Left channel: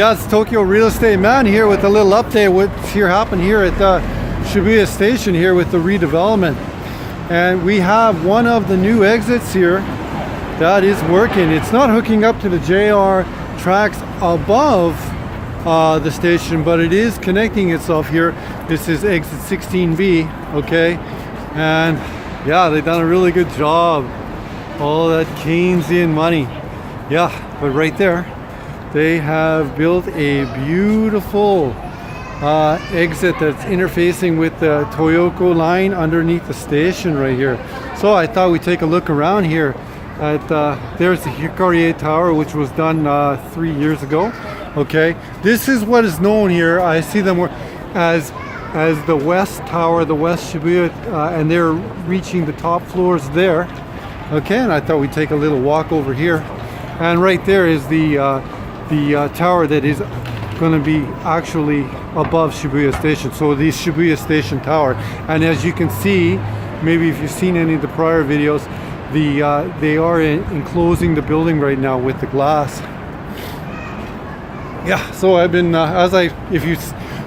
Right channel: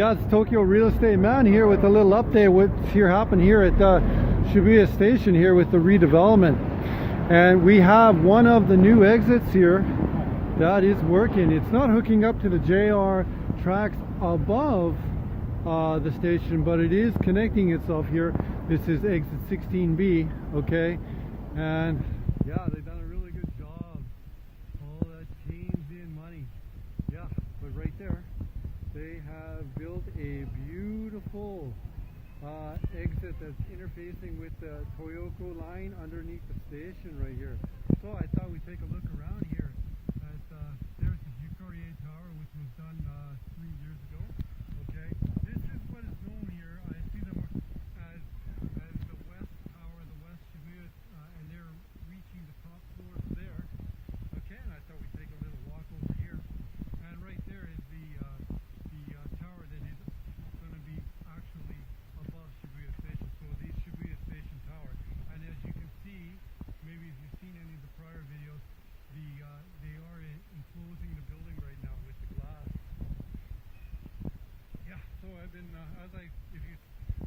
Yeah, it's Tokyo Real Estate Man here with a little update what's here happened here at the Shibuya station here with the redevelopment. And we have one of the new exits here that is working. It's not hooking up to the JR tracks above the station, but it is connecting itself here. This is exit 16B, okay? And yeah, they've done a really good job. All that Keynesian money. Yeah, but right there, they have built a beautiful exit that's interfacing with the Toyoko line underneath the station right here. So I thought we'd take a look around here at, there's the Hikarie Tower, which was done 3 years ago. Okay, this is what is known here. I see them as the West Tower, the West Shibuya, and they're reaching the top floors there. Okay, and I thought we'd take a little walk over here. And right there is the tower that is going to be actually above Shibuya Station. So the Shibuya Station Tower. And as you can see, maybe if you've seen any of the prior videos, they are enclosing the building right now with the glass. Yeah, so I've been, if you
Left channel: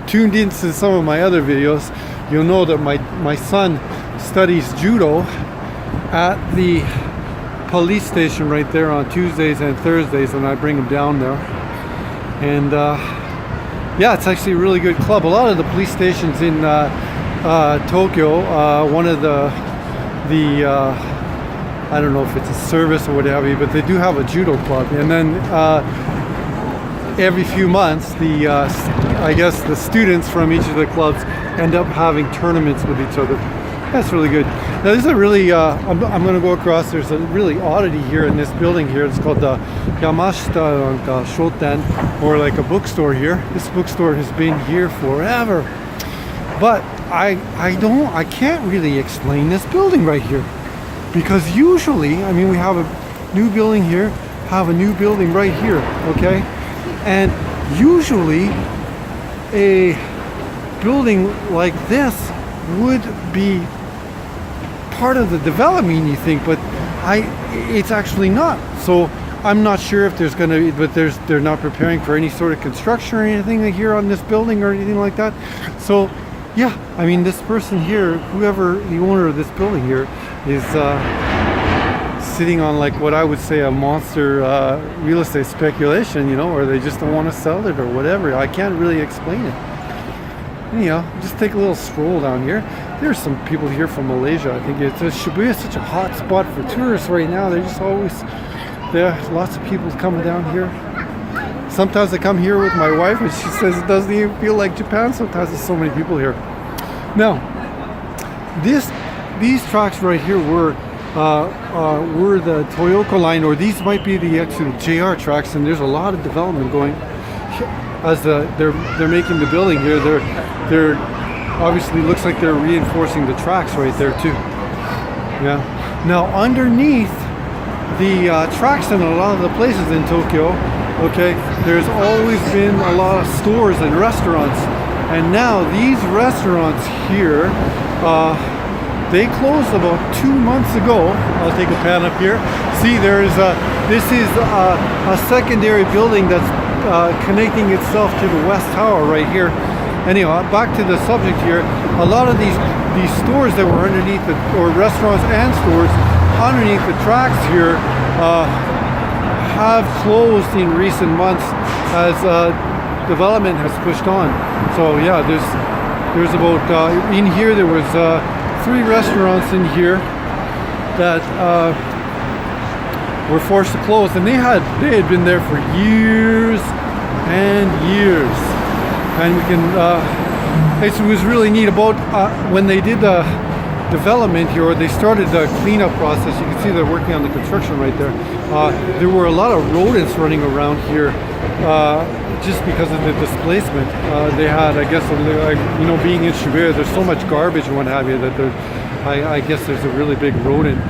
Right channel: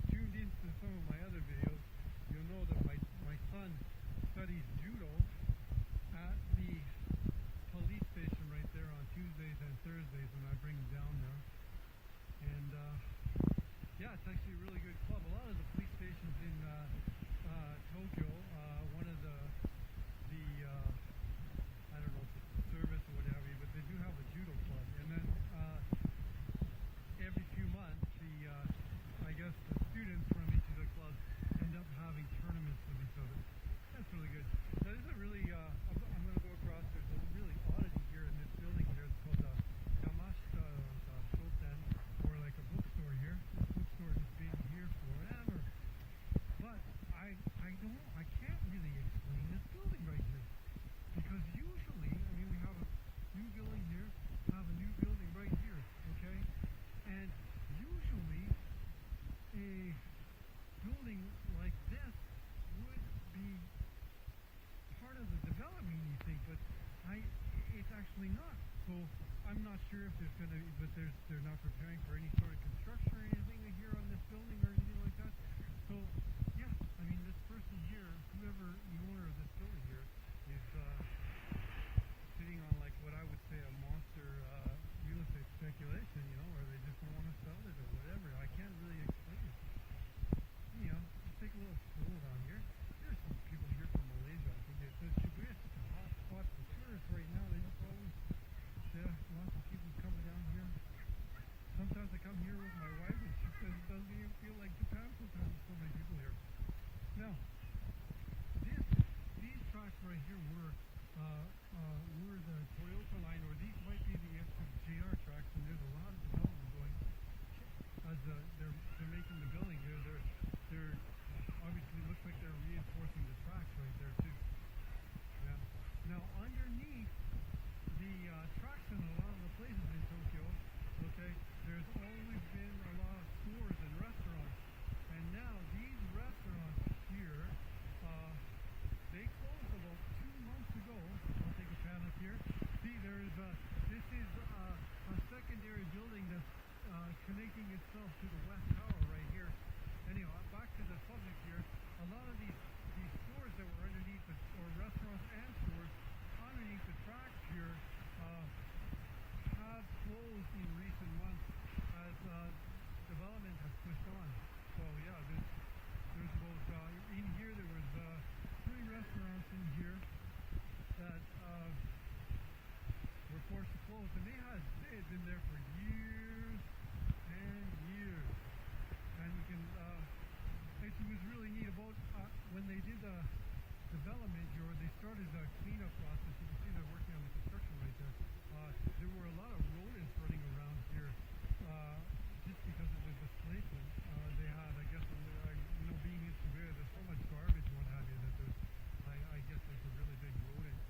tuned into some of my other videos, you'll know that my son studies judo at the police station right there on Tuesdays and Thursdays, and I bring him down there. And yeah, it's actually a really good club. A lot of the police stations in Tokyo, one of the I don't know if it's a service or what have you, but they do have a judo club. And then every few months, I guess the students from each of the clubs end up having tournaments with each other. That's really good. Now this is a really, I'm going to go across, there's a really oddity here in this building here. It's called the Yamashita Shoten, or like a bookstore here. This bookstore has been here forever. But I can't really explain this building right here. Because usually, I mean, we have a new building here, have a new building right here, okay? And usually a building like this would be part of the development, you think, but it's actually not. So I'm not sure if there's going to be, but they're not preparing for any sort of construction or anything here on this building or anything like that. So yeah, I mean, this person here, whoever the owner of this building here is sitting on like what I would say a monster real estate speculation, you know, or they just don't want to sell it or whatever. I can't really explain it. Anyhow, just take a little stroll down here. There's some people here from Malaysia. I think Shibuya is such a hot spot for tourists right now. They're just always there. Lots of people coming down here. Sometimes I come here with my wife and she says it doesn't even feel like Japan. Sometimes there's so many people here. Now, these tracks right here were the Toyoko line, or these might be the actual JR tracks, and there's a lot of development going as they're making the building here. They're obviously looks like they're reinforcing the tracks right there too. Yeah. Now underneath the tracks in a lot of the places in Tokyo, okay, there's always been a lot of stores and restaurants, and now these restaurants here, they closed about 2 months ago. I'll take a pan up here. See, this is a secondary building that's connecting itself to the West Tower right here. Anyhow, back to the subject here. A lot of these stores that were underneath or restaurants and stores underneath the tracks here have closed in recent months as development has pushed on. So yeah, there's about in here there was 3 restaurants in here that were forced to close, and they had been there for years and years. And we can it was really neat about when they did the development here, or they started the cleanup process. You can see they're working on the construction right there. There were a lot of rodents running around here just because of the displacement. They had, I guess, you know, being in Shibuya, there's so much garbage and what have you that I guess there's a really big rodent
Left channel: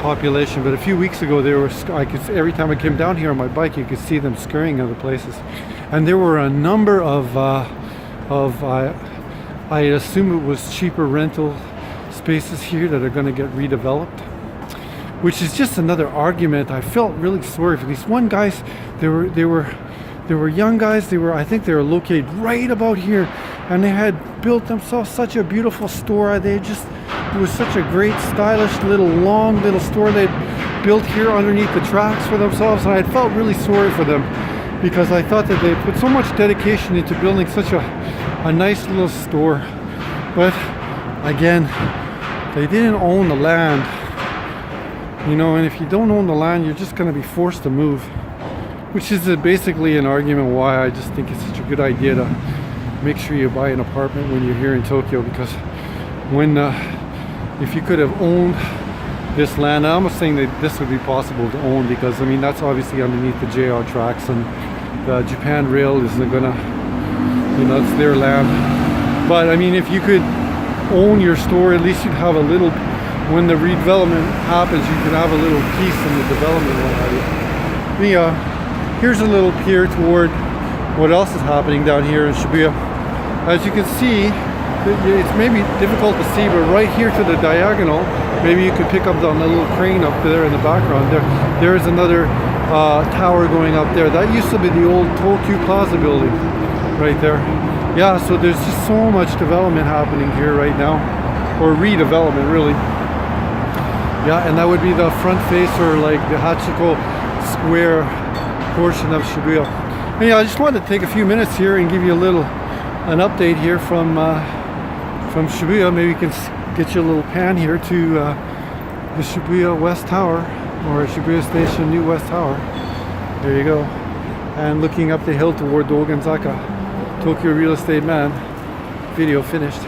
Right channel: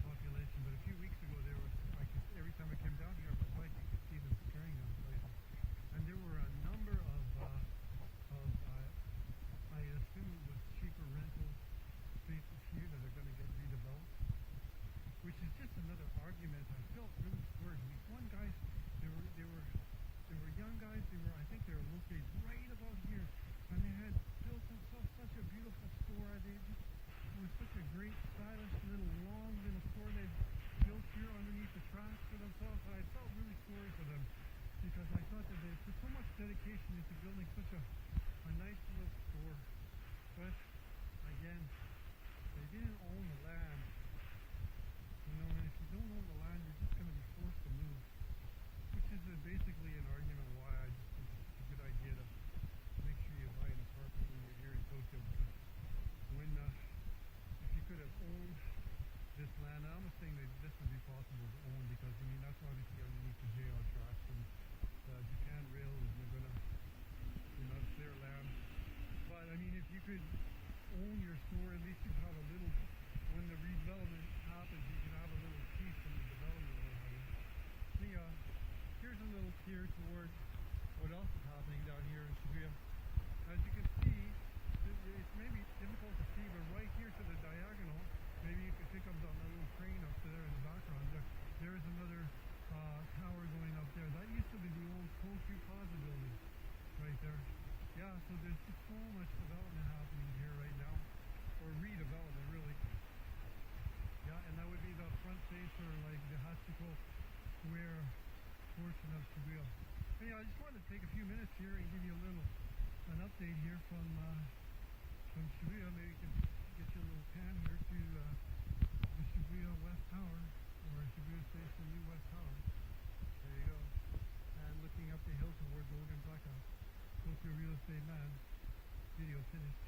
population. But a few weeks ago, every time I came down here on my bike, you could see them scurrying other places. And there were a number of I assume it was cheaper rental spaces here that are going to get redeveloped, which is just another argument. I felt really sorry for these one guys. They were There were young guys. I think they were located right about here, and they had built themselves such a beautiful store. It was such a great, stylish long little store they built here underneath the tracks for themselves, and I felt really sorry for them because I thought that they put so much dedication into building such a nice little store. But again, they didn't own the land, and if you don't own the land, you're just going to be forced to move, which is basically an argument why I just think it's such a good idea to make sure you buy an apartment when you're here in Tokyo, because if you could have owned this land, I'm not saying that this would be possible to own, because that's obviously underneath the JR tracks, and the Japan Rail isn't gonna, it's their land. But if you could own your store, at least you'd have a little, when the redevelopment happens, you could have a little piece in the development. Here's a little peer toward what else is happening down here in Shibuya. As you can see, it's maybe difficult to see, but right here to the diagonal, maybe you could pick up on the little crane up there in the background. There is another tower going up there. That used to be the old Tokyo Plaza building right there. Yeah, so there's just so much development happening here right now, or redevelopment really. Yeah, and that would be the front face, or like the Hachiko Square portion of Shibuya. I just wanted to take a few minutes here and give you an update here from Shibuya. Maybe you can get you a little pan here to the Shibuya West Tower, or Shibuya Station New West Tower. There you go. And looking up the hill toward Dogonzaka. Tokyo Real Estate Man. Video finished.